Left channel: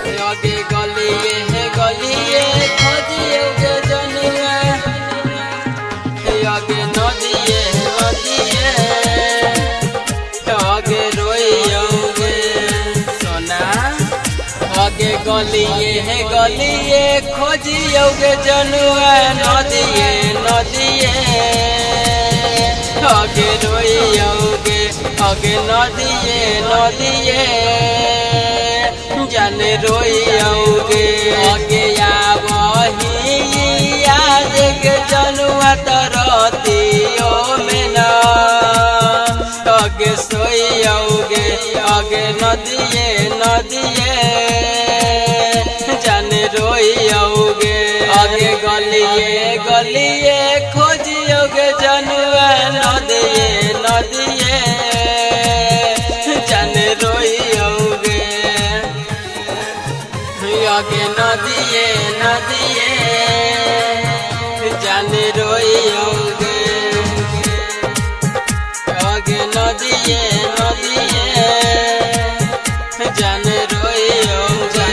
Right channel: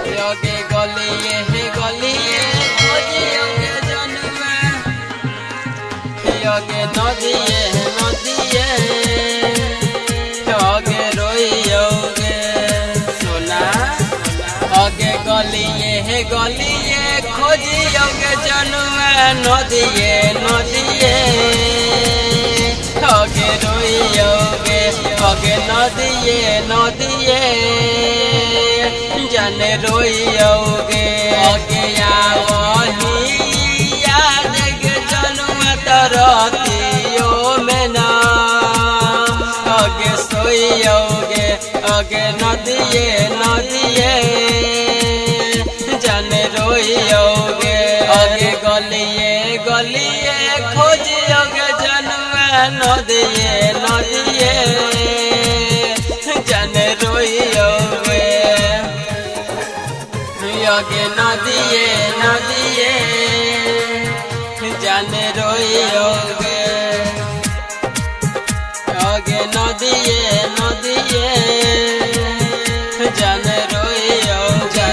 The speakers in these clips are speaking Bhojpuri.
आगे गलिए है गलिए खोजियोगे जनुआ आगे नदिए है नदिए आगे रोइयोगे सोना आगे गलिए है गलिए खोजियोगे जनुआ नदिए नदिए आगे रोइयोगे आगे नदिए नदिए जाने रोइयोगे आगे आवही आज के जनुआ तरतियो में न आगे सोइयोगे आगे नदिए नदिए जाने रोइयोगे आगे गलिए गलिए खोजियोगे जनुआ नदिए नदिए जाने रोइयोगे आगे नदिए नदिए जाने रोइयोगे आगे नदिए नदिए जाने रोइयोगे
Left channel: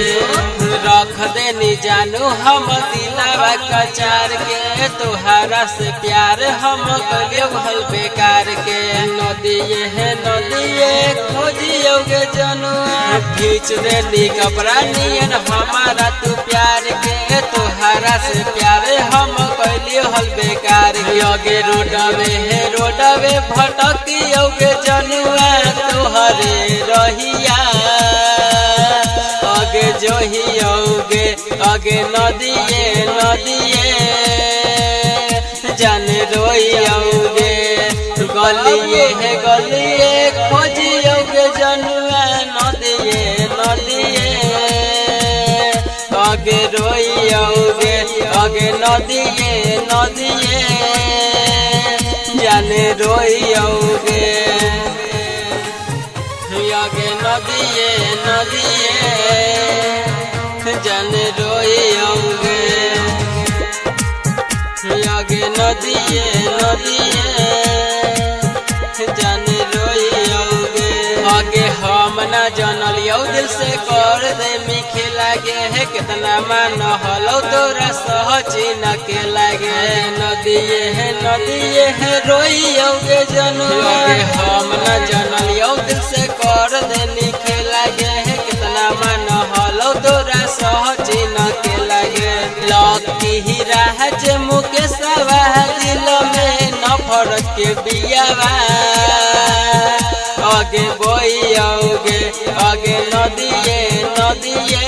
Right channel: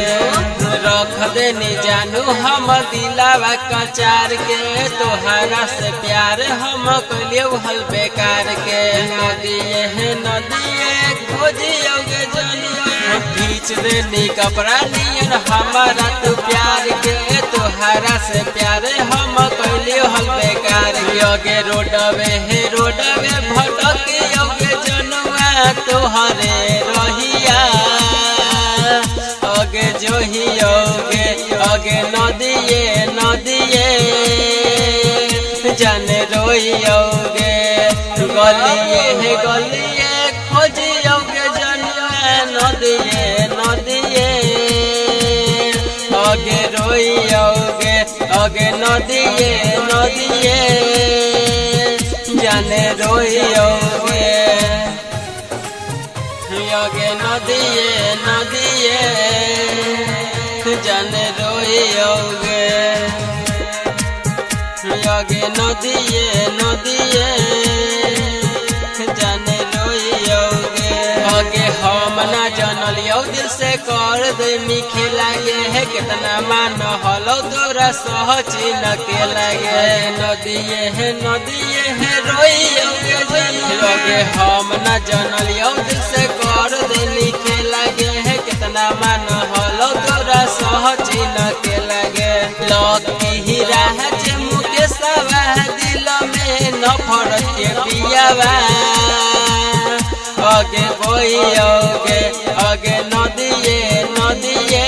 रख देनी जानू हम दिलावा कचार के तोहरा से प्यार हम कलियो हल बेकार के नदिए है नदिए खोजियोगे जनुआ खींच देनी कपड़ा नियन हमारा तू प्यार के तोहरा से प्यार हम कलियो हल बेकार आगे रोडवे है रोडवे भटकियोगे जनुआ तोहरे रहिया आगे जोहियोगे आगे नदिए नदिए जाने रोइयोगे गलिए है गलिए खोजियोगे जनुआ नदिए नदिए आगे रोइयोगे आगे नदिए नदिए जाने रोइयोगे आगे नदिए नदिए जाने रोइयोगे आगे नदिए नदिए जाने रोइयोगे आगे हम ना जानलियो दिल से कर दे मीठे लागे है कितना मान हलो तोरा सहची न के लागे नदिए है रोइयोगे जनुआ आगे हम ना जानलियो दिल से कर दे मीठे लागे है कितना मान हलो तोरा सहची न के लागे लकी हीरा है जे मुकेशवा दिल में नफरत के बियावा आगे बोइयोगे आगे नदिए नदिए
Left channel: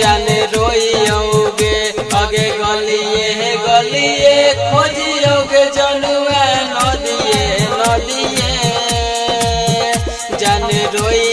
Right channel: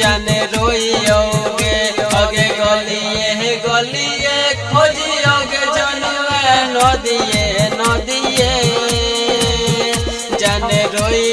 जाने रोइयोगे आगे गलिए है गलिए खोजियोगे जनुआ नदिए नदिए जाने रोइ